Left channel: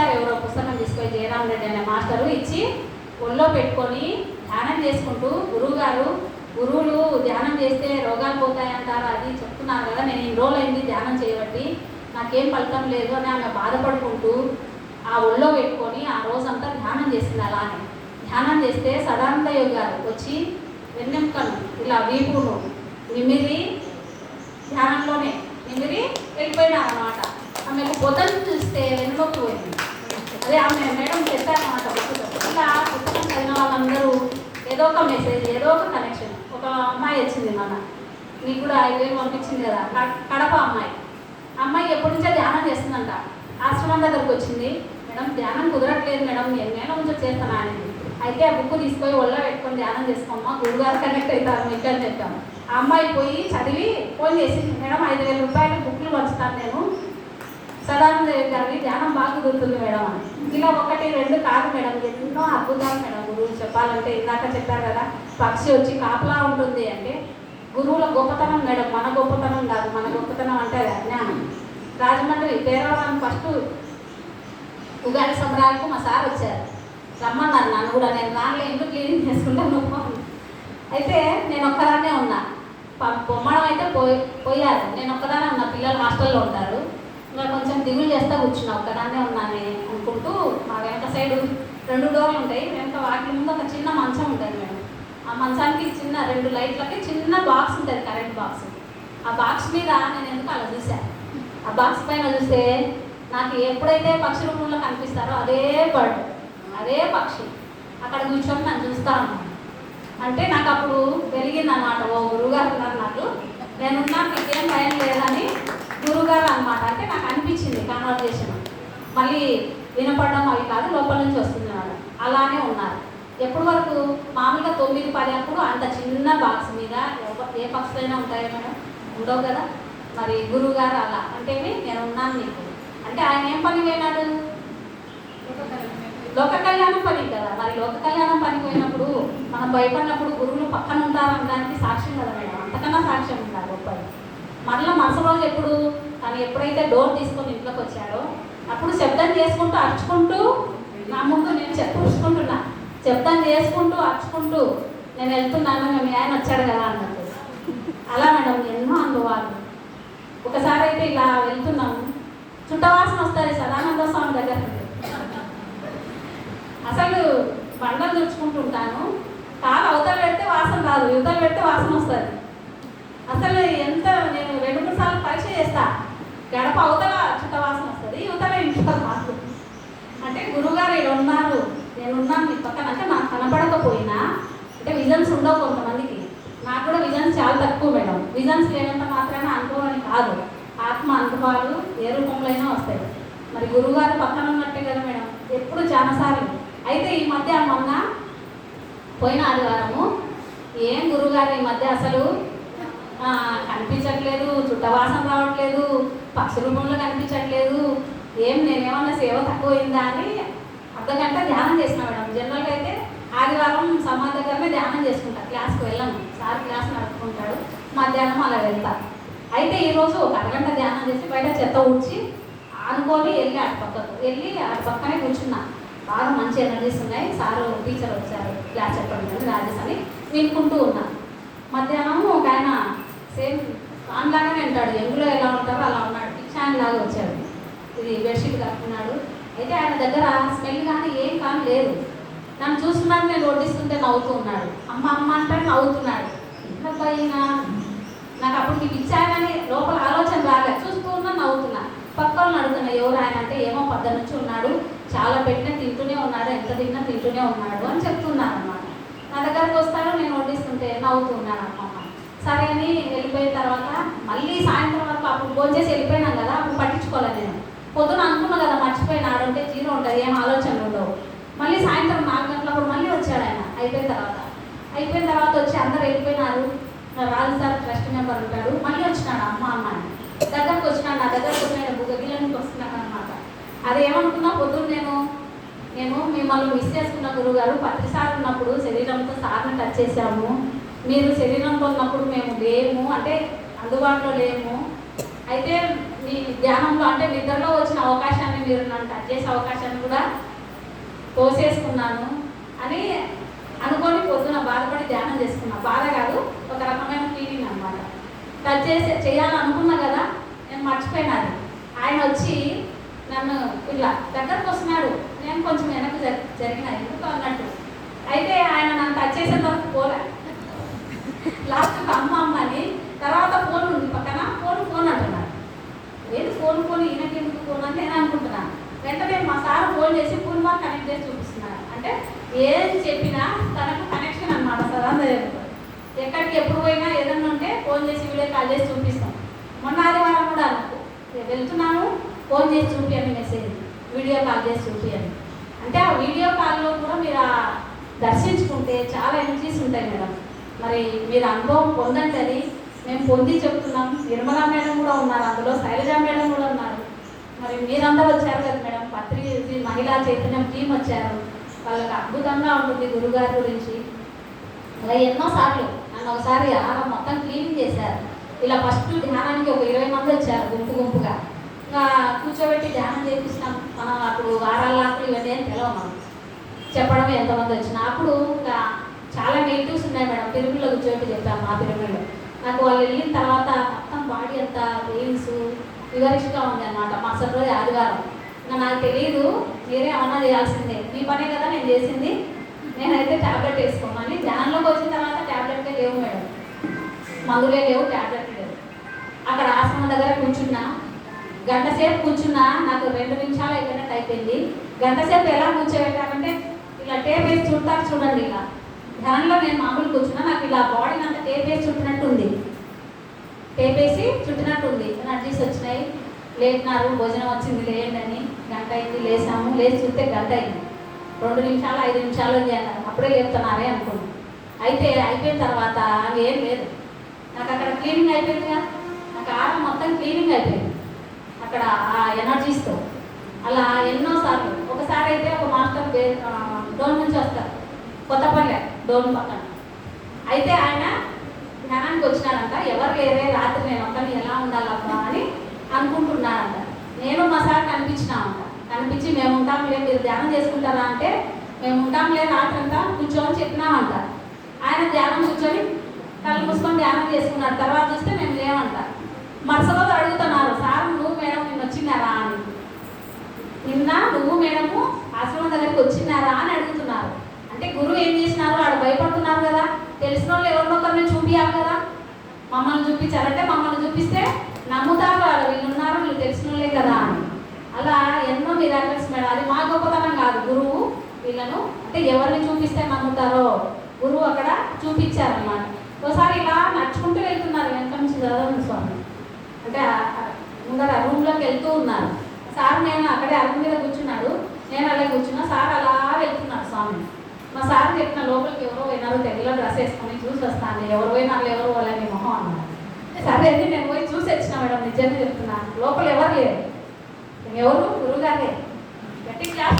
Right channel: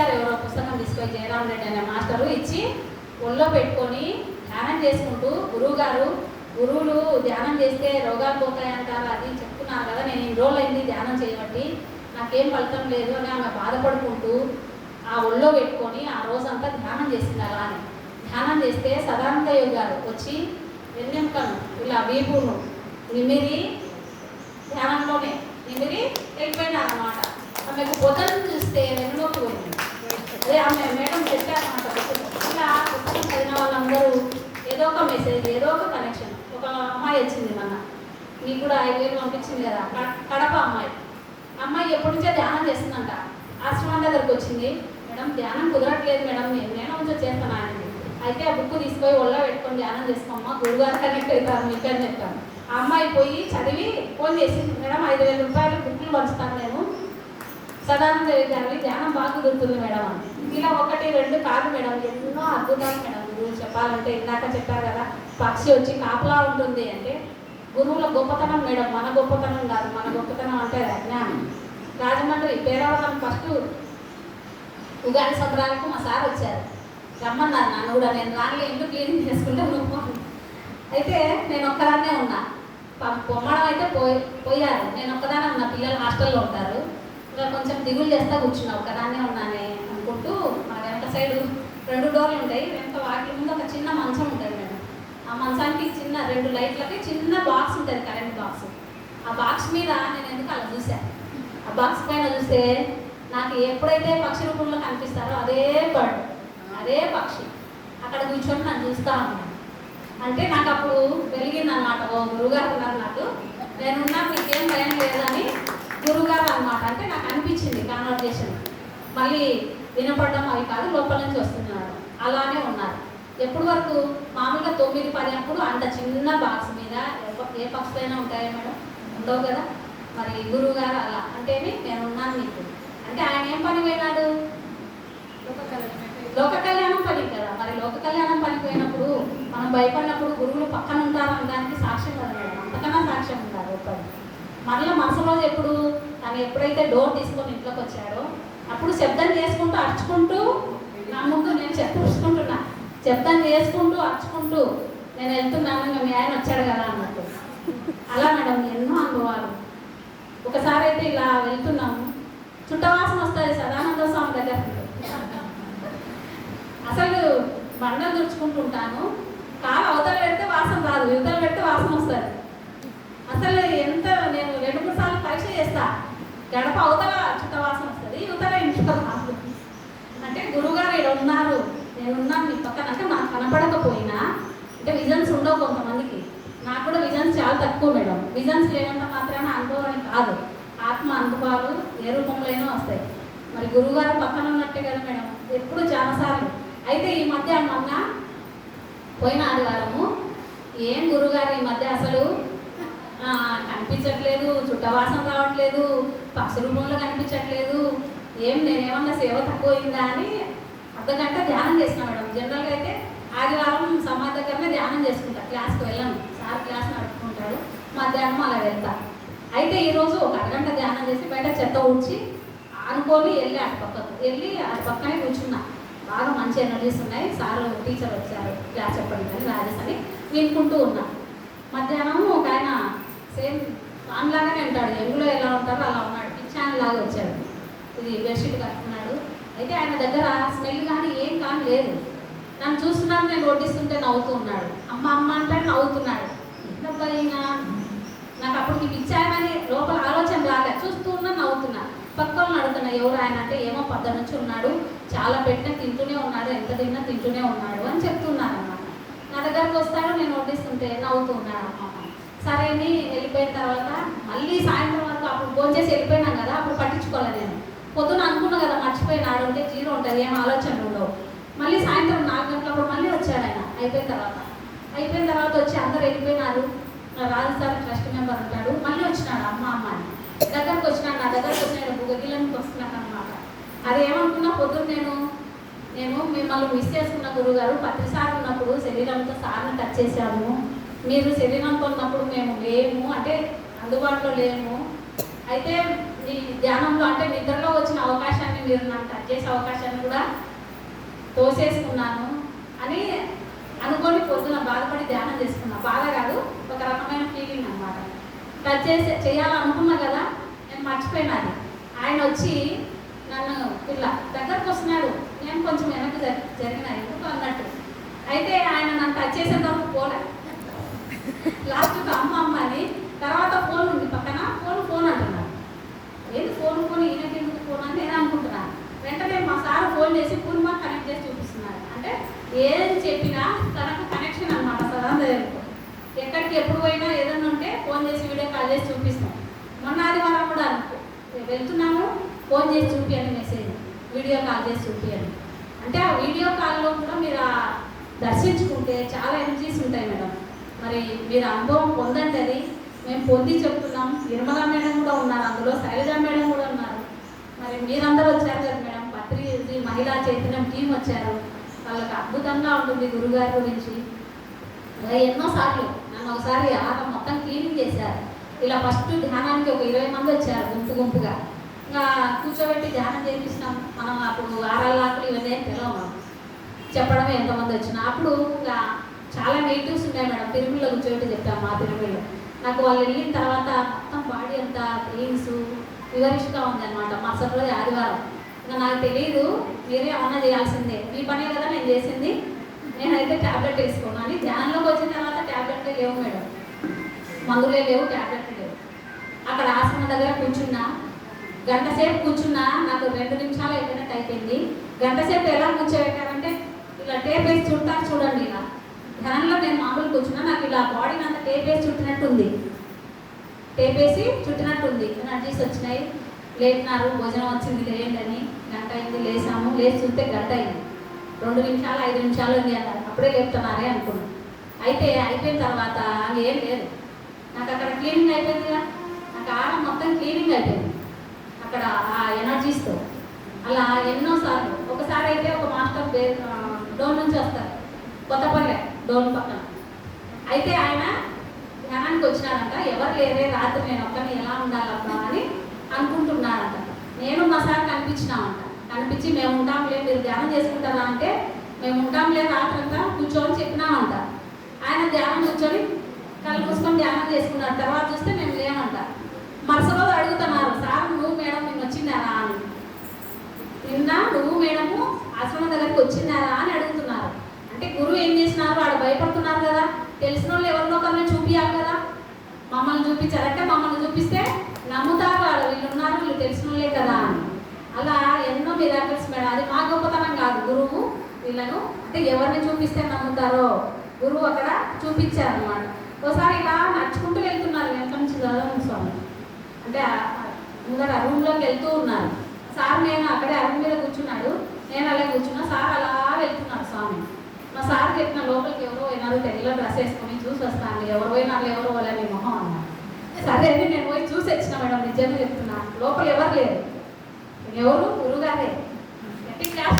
ఇచ్చారు, ఎవరో పుస్తకం తీసుకొని జయరాం రెడ్డి అనే మాస్టరు ఇచ్చి ఒళ్ళో పెట్టుకొని ధ్యానం చేసుకుంటూ, గురువులు ధ్యానం చేస్తే రోగాలు పోతాయంటారు అది చెప్తున్నారు కదా, నేను ఇన్ని రోజులు అయింది ధ్యానం చేయబట్టి నాకేం ఫలితం లేదు అని ఆమె బాధపడుకుంటూ ఆ ఒళ్ళో పెట్టుకొని ఆ రోజంతా ధ్యానం చేసింది. అలానే ధ్యానం చేస్తే సదానంద యోగి గారు వచ్చి వెన్నెంకను ఇలా వీపును నిమిరి ధ్యానంలోనే నిమిరి వెళ్ళిపోయినారనమాట. ఆమెకు పొద్దున్న చూస్తే వెన్నులోకి పోయింది. అదే ఆమె మేడం చెప్పారనమాట పుస్తకం. ఇలా పుస్తకం చదివిన వాళ్ళందరూ ఏదో ఒక మెసేజ్, ఏదో ఒక కనెక్షన్. ఒక అమ్మాయి వచ్చింది, నీకు కూడా 5,000 పంపించింది కదా, కడప అమ్మాయి ఎప్పటి నుంచో ధ్యానం చేస్తుందంట. ఆశ్రమం దగ్గరకు వచ్చింది, మేడం ధ్యానం కుదరట్లేదు మేడం, నేను కొంచెం చేస్తాను అని. అయితే ఆ బుక్ తీసుకొని ఒళ్ళో పెట్టుకొని ధ్యానం చేసుకోమ్మా, గురుగారు కనెక్ట్ అవుతారు మీకు అని చెప్పాము. ఆ అమ్మాయి పోయి చదివి ఫోన్ చేసింది, మేడం 5,000 రూపాయలు బుక్లు పంచుతాను నేను, సదానంద గారి ధ్యానం బాగా కుదురుతుంది మేడం అని. ఇలా 1, 2 కాదు మేడం, ఎన్నో అద్భుతాలు మేడం. గురువులు చెప్పాలంటే ఇందాక చెప్పారు కదా, పక్షి వచ్చి కాపలా ఉంటుంది అంటే గురువుల గొప్పతనం మేడం, మన గొప్పతనం కాదు. మన గొప్పతనం అంటే జ్ఞానం. రాజమండ్రి పేరవరం ఫస్ట్ ఉగాది సంబరాలకు మా సార్ వచ్చారు, రమ్మన్నారు నన్ను కూడా. నేను దానిలో ఎందుకు క్లీనింగ్ చేసుకుంటాను. అయితే నేను ఒక్కదాన్నే ఉన్నా, పొమ్మడం అయితే పోయారు, నేను ఒక్కదానే ఉన్నా. పిల్లలు హాస్టల్లో ఉంటారు, ఇంకా కొంచెం దిగులు చేస్తా కూర్చున్నా, ఒక్కదాన్నే ఉన్నానే అనుకుంటూ. మా వెనక సైడు 2 డోర్లు ఉంటాయి, వెనక వాటి ముందు ఒక చిన్న మంచం ఉంటుంది మేడం. ఆ మంచానికి చిన్న 2 లైట్లకి చిన్న బాక్స్ ఉంటుంది, కరెంట్ బాక్స్. ఆ బాక్స్ మీద నేను ఎందుకు అలా చూశాను. ఆ బాక్స్ పైన చూస్తే నాకు ఎప్పుడైతే పక్షి రూపంలో కనిపిస్తారో అదే బర్డ్, అదే పక్షి అక్కడ కూర్చొని నన్ను చూస్తా ఉన్నాను. అంటే నాకు అప్పుడు వెలిగింది అనమాట, ఓ గురువుగారు ఉన్నారు నాకు, నేనున్నా మీకేం భయం లేదని గురువుగారు అనమాట. అంటే నాకు అనిపించింది కాన్వర్జేషన్, మళ్ళీ వినపడడం అవి కాదు, లోపల నుంచి వస్తున్నాడు. అలానే ఉన్నారు. ఎప్పటి వరకు మామూలుగా 9, 10 అప్పుడు అంత చిన్న బాక్స్ మీద ఏ పక్షులైనా ఉంటాయో మేడం, ఉండవు కదా. మరి గురువు గారు అలా అంటేనే నేను ఉన్నాను నీకు అంటే ఆయన ఏం పని పోయినాడు, లోక కళ్యాణం పని కదా. మరి లోక కళ్యాణం పని పోయినప్పుడు మనం భయపడినప్పుడు గురువులు పక్కన ఉంటారనడానికి సాక్ష్యం కదా మేడం, అంతకన్నా సాక్ష్యం ఉంటారు గొప్పది. మరలా మరుసటి రోజు ఎప్పుడు తను ఎప్పుడైతే డోర్ తీసుకొని ఇంట్లోకి వచ్చాడో అప్పుడు శబ్దం చేసుకుంటూ అరుచుకుంటూ నా ముందు నేను చెప్పుకుంటున్నా, శబ్దం చేసుకుంటూ అరుచుకుంటూ నేను వెళ్తున్నాను, మీ ఆయన వచ్చాడు కదా అన్నట్టు. అలా మేడం ఎన్నో అనుభవాలు. ఒకసారి అయితే ఇలా వెళ్తున్నాము, చుట్టవాసన వస్తుంది సదానంద స్వామి దగ్గర. అసలు బండలు తుడుచుకుంటుంటాను, కాలు అవతల పెడితే వాసన రాదు, యువతలు పెడితే వాసన వస్తుంది. అసలు ఎంత నేను 2-3 సార్లు పరీక్ష చేస్తా, గడప అవతల చుట్టవాసన వస్తుంది, యువతల ఇంట్లో వాసన. అంటే గురువుగారు ఇక్కడ ఉన్నారు, నేనున్నాను మీ పక్కన. అంటే నాకు కనపడకపోయినా, అంటే విజన్స్ ఉండవు కొంతమందికి, నాకు కూడా విజన్స్ చాలా తక్కువ మేడం. విజన్స్ లేనంత మాత్రమే అనుభవం కాదు, ఆత్మ అనుభవాలు ఏ రూపంలో అయినా వస్తాయి. మరి గురువుగారు పక్కన ఉన్నట్టే కదా మేడం, ఎప్పుడు చాలాసార్లు. అయితే ఈ మధ్య మొన్న పోయిన ఆదివారము ఏం గురువుగారు ఈ మధ్య అసలు కనిపించట్లేదు, చుట్టవాసన రావట్లేదు, పక్షి రూపంలో కనిపించట్లేదు, నేనేమన్నా సేవ తక్కువైందా అని అర్ధగంట ధ్యానం చేసిన మేడం. జనరల్గా అయితే ఆదివారం సమాధి దగ్గరనే ధ్యానం చేసుకుంటా, క్లాస్కి వెళ్ళాను, సార్ క్లాస్ నడుపుకుంటాడు, మధ్యాహ్నం అలా వెళ్తా. అయితే ఈరోజు ఒక అరగంట ధ్యానం చేసి బయట చెత్త ఊడ్చి అనుకొని వెళ్ళి అటు పక్కనే కూర్చున్నా. బాగా మంచి ఎనర్జీస్ ఉన్నాయి, సారు టీచర్ వచ్చారు క్లాస్ చెప్పడం రాజేష్ అని వినుకుంటూ ఉన్నా. మధ్యాహ్నం ఒక ఆయన సేమ్ లాగానే ఉంటాడు, ఎంగులో ఎలా ఉంటారో అలా ఉన్నాడు, పిచ్చాన్ లాగా వచ్చాడు, ఇది బెడ్షీట్ కట్టుకున్నాడు. అయితే ఆయన దగ్గర స్మెల్ కానీ ఏం కానీ లేదు. నన్ను చూస్తున్నాను, నేను వడ్డిస్తుంటే నవ్వుతూ ఉన్నాడు, అమ్మ అమ్మ అంటే నవ్వుతున్నాడు. ఇంకా నాకు అప్పుడు మీకు ఇచ్చానని లోపల ఆలోచన రాలే, చూస్తూ ఉన్నా నవ్వుతున్నా. పక్కన అడుగుతున్నా ఎవరు ఆయన అంటే, ఏమో పొద్దు నుంచి ఉన్నాడు, చాలా పెట్టిన తింటూనే ఉన్నాడు, ఎంత తిన్నా తింటూనే ఉన్నాడు అని చెప్తున్నాను అన్నమాట. నా దగ్గరకు వస్తాడు, నేను వడ్డిస్తుంటే నవ్వుతూ ఉన్నాడు అమ్మమ్మ. సరే అని వెళ్ళిపోయిన తర్వాత మళ్ళీ సాయంత్రం వరకు అప్పుడు ఫోన్ చేసి వెళ్ళిపోయినాం కదా, అప్పుడు పట్టించుకోలేదు నేను. పొద్దున అనుకున్నా కదా మర్చిపోయిన, 6 ఉంటే 0 ఉంటుంది, ఏం ఆలోచనలు ఉండవు. మళ్ళీ సాయంత్రం 4 గంటలప్పుడు మళ్ళీ వచ్చాడు ఆయన. అయిపోయిన తర్వాత వచ్చి అందరు వెళ్ళిపోయినారు. రాజు సార్ ట్రస్ట్ మెంబర్ ఉంటాడు, మళ్ళీ వచ్చినాడు అమ్మ అని దగ్గరకు వచ్చినాడు. నా దగ్గరకు వచ్చినాడు బుగ్గగిళ్ళకి వస్తున్నాడు అనమాట. అది ఏమనుకున్నా పొద్దున్న నేను మిమ్మల్ని మిస్ చేసుకున్న గురువుగారు, ప్రతిసారి ఉన్నప్పుడు శరీరంతో సార్ని టచ్ చేశాము, మీరు శరీరంతో ఉన్నప్పుడు మేము లేము, అంటే అందుబాటులో లేము. అయితే మీ ధ్యానంలో అంటే నిద్రలో వచ్చిన అవకాశాన్ని మీరు నన్ను టచ్ చేసే అవకాశాన్ని కూడా తోసేసుకున్నాను అని అనుకొని పొద్దున బాధపడి ధ్యానం చేసుకున్నా. బాధ కాదు, ఒక రకమైన ఫీలింగ్ అన్నమాట. టచ్ చేయాలనుకున్నా కదా, నేను మర్చిపోయినాను. ఆయన వచ్చి నన్ను ఇలా దగ్గరకు వస్తున్నాడు, నేను కొంచెం వెనక్కి జరిగిన ఎందుకు అన్నట్టు. అయితే ఆయన నన్ను టచ్ చేసిన వరకు పోలే. లాస్ట్కి అమ్మ అని తర్వాత ఫోన్ ఉంది పక్కన, ఫోన్ అంటున్నాడు. ఏది ఫోన్ ఈయనకి ఎందుకు ఫోన్ అని నేను అనుకుంటున్నాను. వెంటనే మా సార్ ఫోన్ చేసి పూర్ణ కనెక్ట్ చేసి చూపిస్తున్నారు. అంటే ఏం చెప్పినా తనకు కనెక్షన్ అనమాట. సదాంత ఎక్కడికి ఎప్పుడు పోయినా ఏదన్నా ఉంటే ఫోన్ చేసి వీడియో కాల్ చేసి చూపిస్తాం. మొన్న ఆదివారం కూడా వెళ్తున్నాను, ఫోన్ చేసి చూపించండి, మెసేజ్ వీడియో కాల్ చేసి చూపించండి. అంటే ఆ వీడియో కాల్లో కూడా మీరు దర్శించుకుంటే చాలా ఎనర్జీస్ ఉంటాయి మేడం. మరి మీరు అనుభవం పొందండి. అది మేము పొంది చెప్తున్నాం. నిర్మలా మేడం కూడా ఉన్నారు అందులో, శైలజ మేడం కూడా ఉన్నారు. మరి మీరందరూ వచ్చారు కదా మేడం, పత్రిక మహిళా చైతన్యం టీం వచ్చారు. వాళ్ళకి అద్భుతంగా ఉంటుంది గురుగారి గురించి. ఇలా ఎన్నోసార్లు నన్ను ఒకసారి ఆమె మొత్తం క్లీనింగ్ చేశారు. ఇలా ఫస్ట్ ధ్యానానికి ఒక 20 మంది వచ్చారు గుంపుగా. ఇంకా కూర్చోబెట్టి ధ్యానం చేపిస్తున్నాం. మనం అప్పుడు ఆరాలకు ఇవన్నీ తెలవము, చెప్పడమే ఎంతమంది వచ్చినా. అప్పుడు ఇంకా చాలా నెగిటివ్స్ ఉన్నాయి మేడం. తిరుమలలో కూర్చోబెట్టి చెప్పాను. మా తిరుమలలో నాకు వాళ్ళు వెళ్ళిన తర్వాత మొత్తం బాడీ అంతా పెయిన్స్ వివరిస్తూ ఉంది అనమాట. మరుసటి రోజు ఆదివారం. ఇంకా నాకు తెలియదు, మీరే ఏమన్నా చేయాల్సిందే, మీ పనే కదా నేను చేసింది, నేనైతే ట్యాబ్లెట్ వేసుకోమని. ధ్యానంలోకి వచ్చిన తర్వాత ట్యాబ్లెట్లే లేవు మేడం, మందులే లేవు, ట్యాబ్లెట్ లేవు. అక్కడ ఆశ్రమం దగ్గర కూర్చున్నా, గంట సేపు కూర్చున్నా. నాకు 2 నిమిషాలు అయిపోయినట్టు అయిపోయింది. గంట సేపు ఎలా కూర్చోబెట్టారంటే ఇలా టేప్ వేసి చుట్టారు చూడండి. ఇలా ధ్యానంలో నేను మామూలు కూర్చున్నా, నాకు ఇలా బాడీని అంతా టేప్ వేసి చుట్టినట్టుంది, టేప్ వేసి చుట్టినట్టుంది. ఎనర్జీస్ వచ్చినాయి. లేపినారు, భోజనం వచ్చింది లేయండి అని. గంట అయింది, లేసాము. లేచి చూస్తే గంట అయింది. 2 నిమిషాలు 5 నిమిషాలు ఉంది అన్నారు. అప్పుడే లేపుతున్నారే అనుకున్నాను. అయితే అయిపోయిన తర్వాత ఏం లేదు. నాకు అక్కడ క్లీనింగ్ అయిపోయిందిగా, నాకు ఆడ మొత్తం క్లీనింగ్ అయిపోయింది అక్కడ ఆ ఎనర్జీస్తో. అలా ఎన్నోసార్లు. ఒకసారి అయితే ఒక మాస్టర్ డోన్ నుంచి వస్తారు, కొత్తపల్లె డోన్ పక్కన. అయితే ఆయన ధ్యానానికి వచ్చినారంట. ఎవరు లేరే, రాత్రి నేను ఒక్కని ఎలా ఉండాలబ్బా అని అనుకుంటున్నారంట. నేను మా సార్ కనిపించినామంట. కనిపించి మేము ఉంటాంలే, మీరు ధ్యానం చేసుకుంటారా అంటే మేము ఉంటాంలే రాత్రి అంతా కూర్చోని చెప్పినామంట. ఆయన ధ్యానం కూర్చొని కళ్ళు మూసుకొని ధ్యానం చేసుకున్నారు. తర్వాత చూస్తే మేము లేమంట. మరుసటి రోజు అడుగుతున్నారు, సార్ నువ్వు మేడం నిన్ను వచ్చినారా అని. నిన్న నువ్వు మేడము ఆశ్రమం దగ్గరికి వచ్చినారా అని అడుగుతున్నారు. అంటే గురువు ఏం చేసినారు, వాడు భయపడుతున్నారు కదా, తెలిసిన వాళ్ళు ఎవరినో ఒకరిని చూపించాలి కదా. మమ్మల్ని చూపించారంటే మమ్మల్ని చూపిస్తే నమ్ముతారు వాళ్ళు, వీళ్ళు ఉన్నారు, వీళ్ళు తెలిసిన వాళ్ళే కదా అని. అలా ఎన్నో మిరాకిల్స్ మేడం. అది మా గొప్పతనం కాదు, గురువు వీళ్ళను అంటే ఎవరిని చూపిస్తే నమ్ముతారో గురువు అక్కడ చూపించారన్నమాట. ఒకసారి ఇలా నడుచుకుంటూ వెళ్తున్నారు వెనక నుంచి చదవండి స్వామి అంటే ముందర రూమ్లోకి వెళ్తూ ఉన్నారు. సార్ నేను అక్కడే అరుణ్ మీద కూర్చున్నాడు, నేను అలాగే కూర్చున్నా. సార్ అలా వెళ్తున్నారు స్వామి. మా సార్ చెప్పిన లోపలికి ఎవరో పోయినారు, తెల్ల డ్రెస్ వేసుకొని చూసి వస్తాను, ఎవరు పోయినారు ఎవరు వాళ్ళని మొహం అన్నారు. సరే అని నేను పోయి చూసి వచ్చిన మేడం, నిజంగా చెప్తున్నాను. లోపల ఎవరు లేరు, ఎవరు గురువుగారే. గట్టి క్లాస్